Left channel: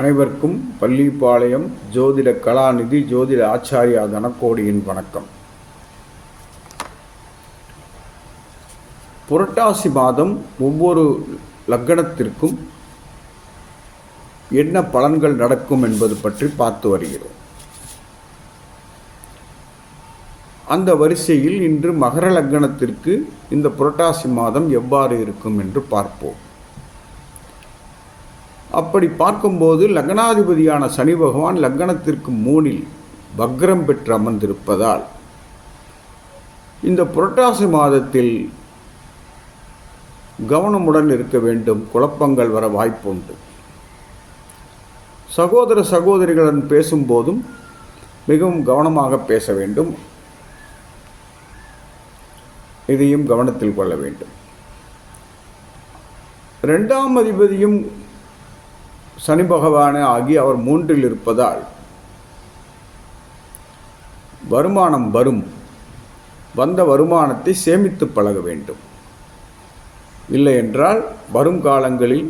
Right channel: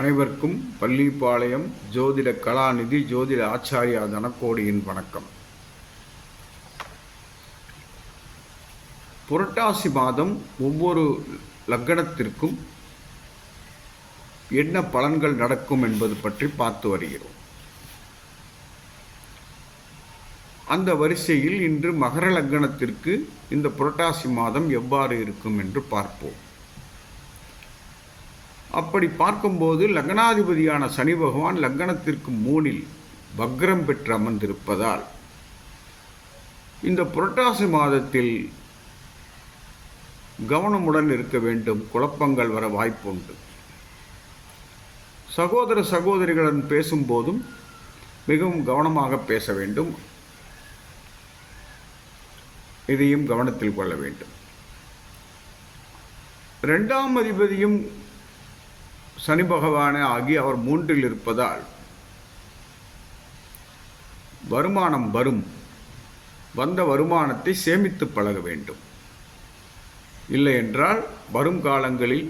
அனைவருக்கும் பள்ளிப்பாளையம் ஜோதிட கலாநிதி ஜோதிட ஆச்சாரியா தனக்கோடியின் வணக்கம். புரட்டாசி மாதம் ஒவ்வொரு லக்கணத்திற்கும் என்ன பலன்கள் நடக்கும் என்பது பற்றி பார்த்து வருகிறோம். அந்த வரிசையில் இன்று மகர லக்னத்திற்கு இந்த புரட்டாசி மாதம் எவ்வாறு இருக்கும் என்று பார்ப்போம். அப்படி பார்க்கும்போது லக்னாதிபதியான சனி பகவான் லக்னத்திற்கு மூனில் வக்ரம் பெற்று அமர்ந்திருப்பதால் இந்த புரட்டாசி மாதத்தில் கவனமுடன் இருக்க வேண்டும் குழப்பங்கள் வர வாய்ப்புண்டு. சகோதர சகோதரிகளுடன் பேசும்போதும் மிகவும் கவனமாக பேச வேண்டும். இதையும் கவனத்தில் கொள்ள வேண்டும். ரெண்டாம் அதிபதியும் சனி பகவானே ஆகி அவர் மூன்றில் இருப்பதால் வருமானம் வரும். வந்த வருமானத்தை சேமித்து பழக வேண்டும். இல்லை என்றால் வரும் காலங்களில்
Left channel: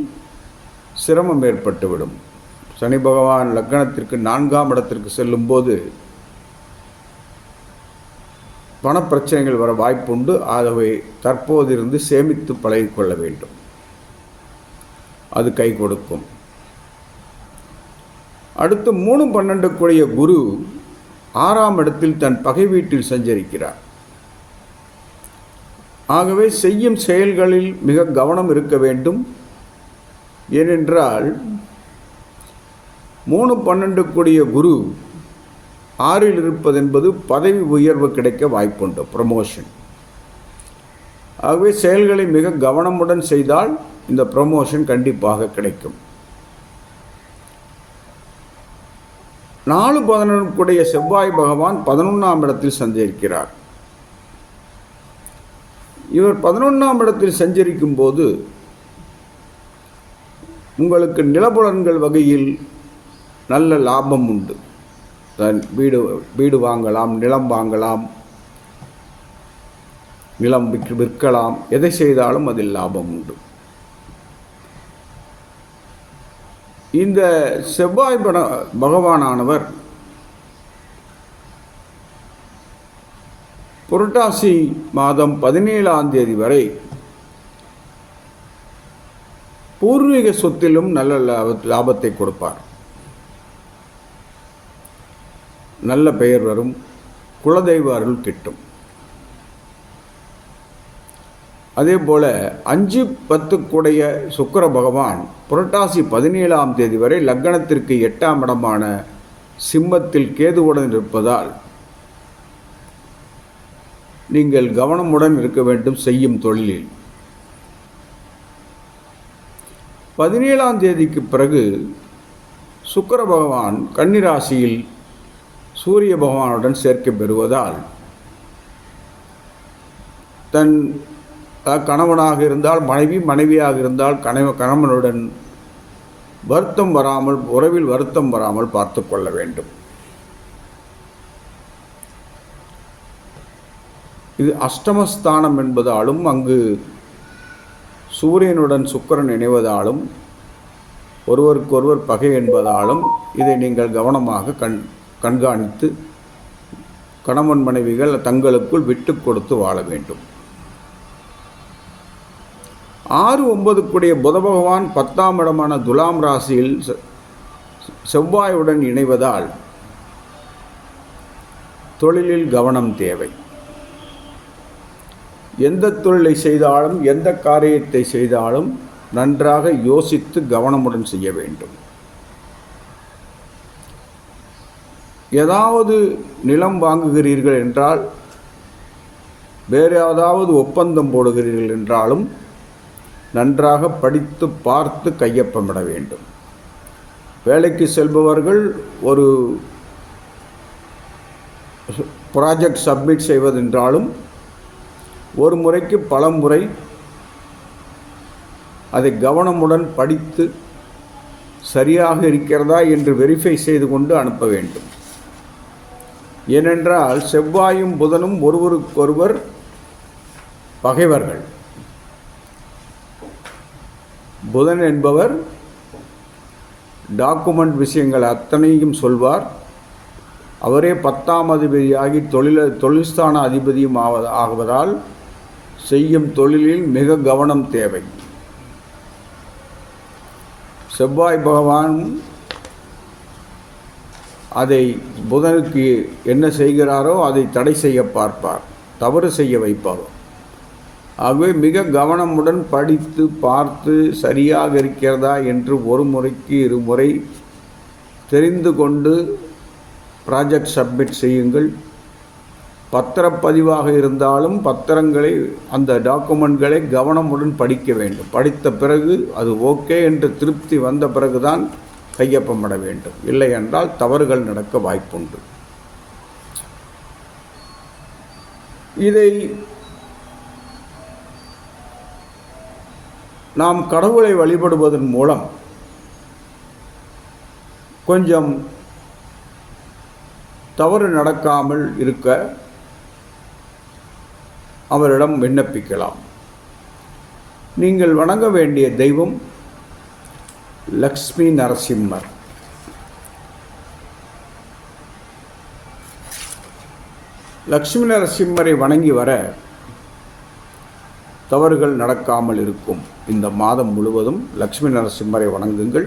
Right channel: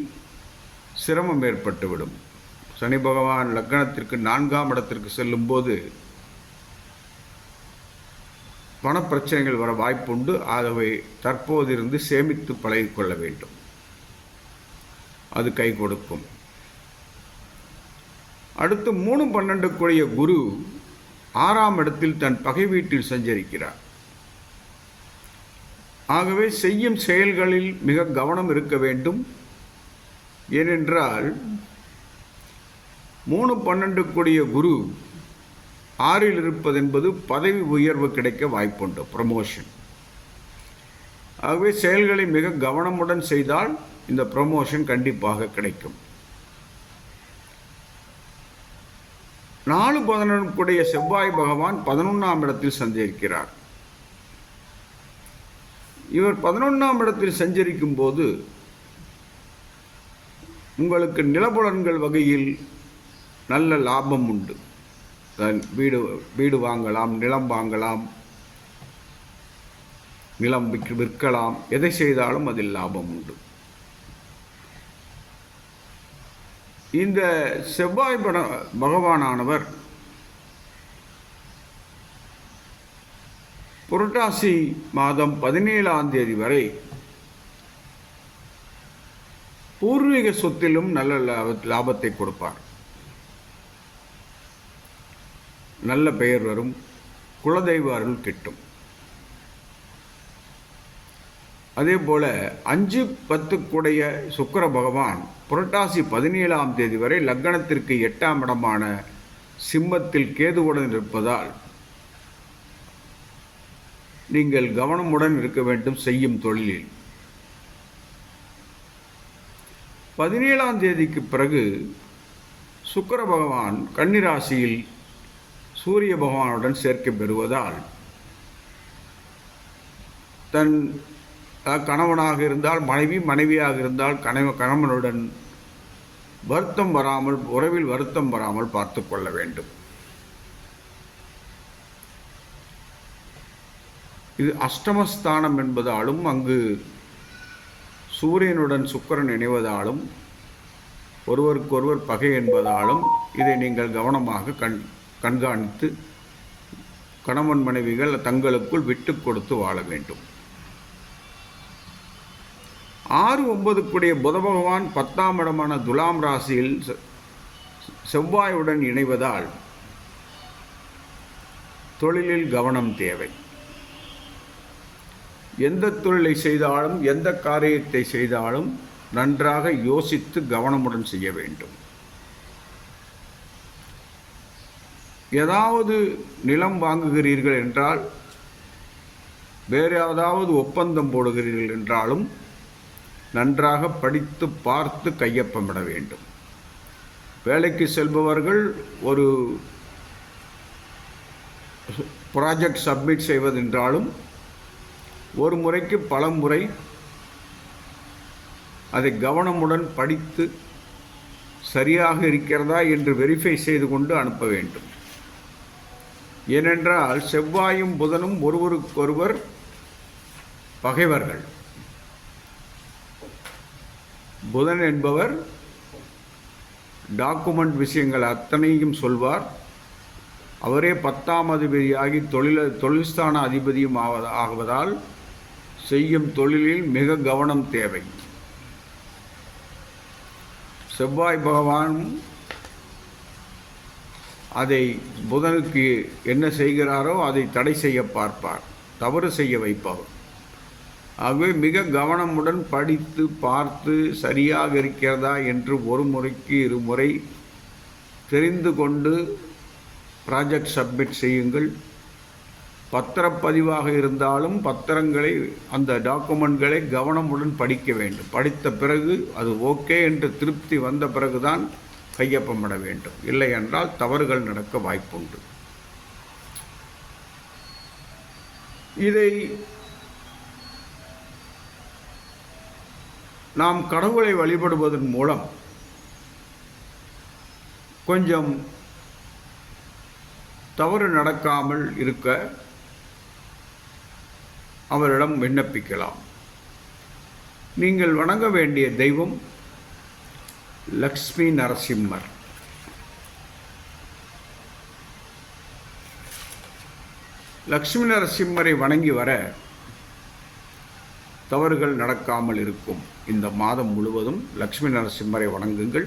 சிரமம் ஏற்பட்டுவிடும். சனி பகவான் லக்னத்திற்கு நான்காம் இடத்திற்கு செல்லும்போது பணப்பிரச்சனைகள் வர வாய்ப்புண்டு. ஆகவே தற்போதிருந்து சேமித்து பழகிக்கொள்ள வேண்டும். அது கை கொடுக்கும். அடுத்து மூணு பன்னெண்டுக்குரிய குரு ஆறாம் இடத்தில் தன் பகை வீட்டில் சஞ்சரிக்கிறார். ஆகவே செய்யும் செயல்களில் மிக கவனம் இருக்க வேண்டும். ஏனென்றால் மூணு பன்னெண்டுக்குரிய குரு ஆறில் இருப்பதென்பது பதவி உயர்வு கிடைக்க வாய்ப்புண்டு ப்ரமோஷன் ஆகவே செயல்களை மிக கவனமுடன் செய்தால் இந்த ப்ரமோஷன் கண்டிப்பாக கிடைக்கும். நாலு பதினொன்றுக்குடைய செவ்வாய் பகவான் பதினொன்றாம் இடத்தில் சஞ்சரிக்கிறார். இவர் பதினொன்றாம் இடத்தில் சஞ்சரிக்கும் போது உங்களுக்கு நிலபுலன்கள் வகையில் நல்ல லாபம் உண்டு. வீடு வீடு வாங்கலாம் நிலம் வாங்கலாம் நிலம் விற்கலாம். எதை செய்தாலும் அதில் லாபம் உண்டு. இந்த செவ்வாய் பட பகவானானவர் புரட்டாசி மாதம் பதினேழாம் தேதி வரை பூர்வீக சொத்திலும் நல்ல லாபத்தை கொடுப்பார். நல்ல பெயர் வரும். குலதெய்வ அருள் கிட்டும். அதே போல் அஞ்சு பத்துக்குடைய சுக்கர பகவான் புரட்டாசி பதினேழாம் தேதி வரை லக்னத்திற்கு எட்டாம் இடமான சிம்மத்தில் கேதுவுடன் இருப்பதால் நீங்கள் கவனமுடன் இருக்க வேண்டும் செய்யும் தொழிலில். பதினேழாம் தேதிக்கு பிறகு சுக்கர பகவான் கன்னிராசியில் சூரிய பகவானுடன் சேர்க்கை பெறுவதால் தன் கணவனாக இருந்தால் மனைவி மனைவியாக இருந்தால் கணவ கணவனுடன் வருத்தம் வராமல் உறவில் வருத்தம் வராமல் பார்த்து கொள்ள வேண்டும். இது அஷ்டமஸ்தானம் என்பதாலும் அங்கு சூரியனுடன் சுக்கரன் இணைவதாலும் ஒருவருக்கொருவர் பகை என்பதாலும் இதை நீங்கள் கவனமாக கண் கண்காணித்து கணவன் மனைவிகள் தங்களுக்குள் விட்டு கொடுத்து வாழ வேண்டும். ஆறு ஒன்பதுக்குடைய புத பகவான் பத்தாம் இடமான துலாம் ராசியில் செவ்வாயுடன் இணைவதால் தொழிலில் கவனம் தேவை. எந்த தொழிலை செய்தாலும் எந்த காரியத்தை செய்தாலும் நன்றாக யோசித்து கவனமுடன் செய்ய வேண்டும். ஏதாவது நிலம் வாங்குகிறீர்கள் என்றால் வேறு ஏதாவது ஒப்பந்தம் போடுகிறீர்கள் என்றாலும் நன்றாக படித்து பார்த்து கையொப்பமிட வேண்டும். வேலைக்கு செல்பவர்கள் ஒரு ப்ராஜெக்ட் சப்மிட் செய்வதென்றாலும் ஒரு முறைக்கு பல முறை அதை கவனமுடன் படித்து சரியாக இருக்கிறதா என்று வெரிஃபை செய்து கொண்டு அனுப்ப வேண்டும். ஏனென்றால் செவ்வாயும் புதனும் ஒருவருக்கொருவர் பகைவர்கள். புதன் என்பவர் டாக்குமெண்ட் விஷயங்கள் அத்தனையும் சொல்வார். அவரே பத்தாம் அதிபதியாகி தொழில தொழில்ஸ்தான அதிபதியும் ஆவ ஆகுவதால் செய்யும் தொழிலில் மிக கவனம் தேவை. செவ்வாய் பகவான் அதை புதனுக்கு என்ன செய்கிறாரோ அதை தடை செய்ய பார்ப்பார். தவறு செய்ய வைப்பார் ஆகவே மிக கவனமுடன் படித்து பார்த்து சரியாக இருக்கிறதா என்று ஒரு முறைக்கு இருமுறை தெரிந்து கொண்டு ப்ராஜெக்ட் சப்மிட் செய்யுங்கள். பத்திரப்பதிவாக இருந்தாலும் பத்திரங்களை அந்த டாக்குமெண்ட்களை கவனமுடன் படிக்க வேண்டும். படித்த பிறகு அது ஓகே என்று திருப்தி வந்த பிறகுதான் கையொப்பமிட வேண்டும். இல்லை என்றால் தவறுகள் நடக்க வாய்ப்புண்டு. இதை நாம் கடவுளை வழிபடுவதன் மூலம் கொஞ்சம் தவறு நடக்காமல் இருக்க அவரிடம் விண்ணப்பிக்கலாம். நீங்கள் வணங்க வேண்டிய தெய்வம் லக்ஷ்மி நரசிம்மர். லக்ஷ்மி நரசிம்மரை வணங்கி வர தவறுகள் நடக்காமல் இருக்கும். இந்த மாதம் முழுவதும் லக்ஷ்மி நரசிம்மரை வணங்குங்கள்.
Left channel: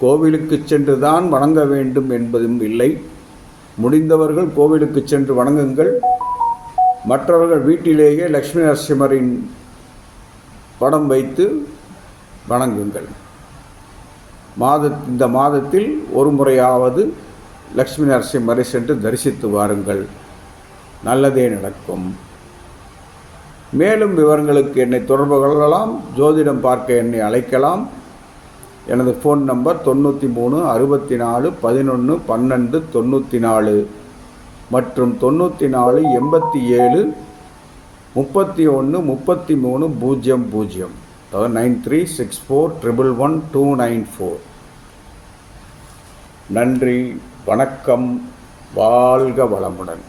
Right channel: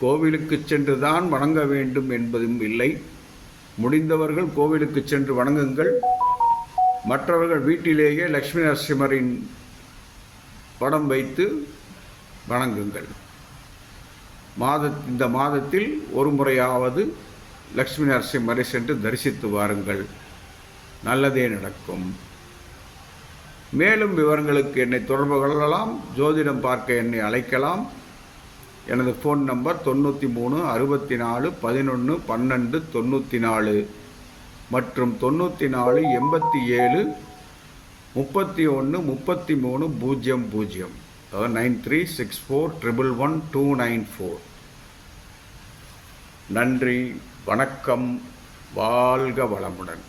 கோவிலுக்கு சென்று தான் வணங்க வேண்டும் என்பதும் இல்லை. முடிந்தவர்கள் கோவிலுக்கு சென்று வணங்குங்கள். மற்றவர்கள் வீட்டிலேயே லக்ஷ்மி நரசிம்மரின் படம் வைத்து வணங்குங்கள். மாத இந்த மாதத்தில் ஒரு முறையாவது லக்ஷ்மி நரசிம்மரை சென்று தரிசித்து வாருங்கள். நல்லதே நடக்கும். மேலும் விவரங்களுக்கு என்னை தொடர்பு கொள்ளலாம். ஜோதிடம் பார்க்க என்னை அழைக்கலாம். எனது ஃபோன் நம்பர் தொண்ணூற்றி மூணு அறுபத்தி நாலு பதினொன்று பன்னெண்டு தொண்ணூற்றி நாலு மற்றும் தொண்ணூற்றி நாலு எண்பத்தி ஏழு முப்பத்தி ஒன்று முப்பத்தி மூணு பூஜ்ஜியம் பூஜ்ஜியம். அதாவது nine three six four triple one two nine four. நன்றி வணக்கம் வாழ்க வளமுடன்.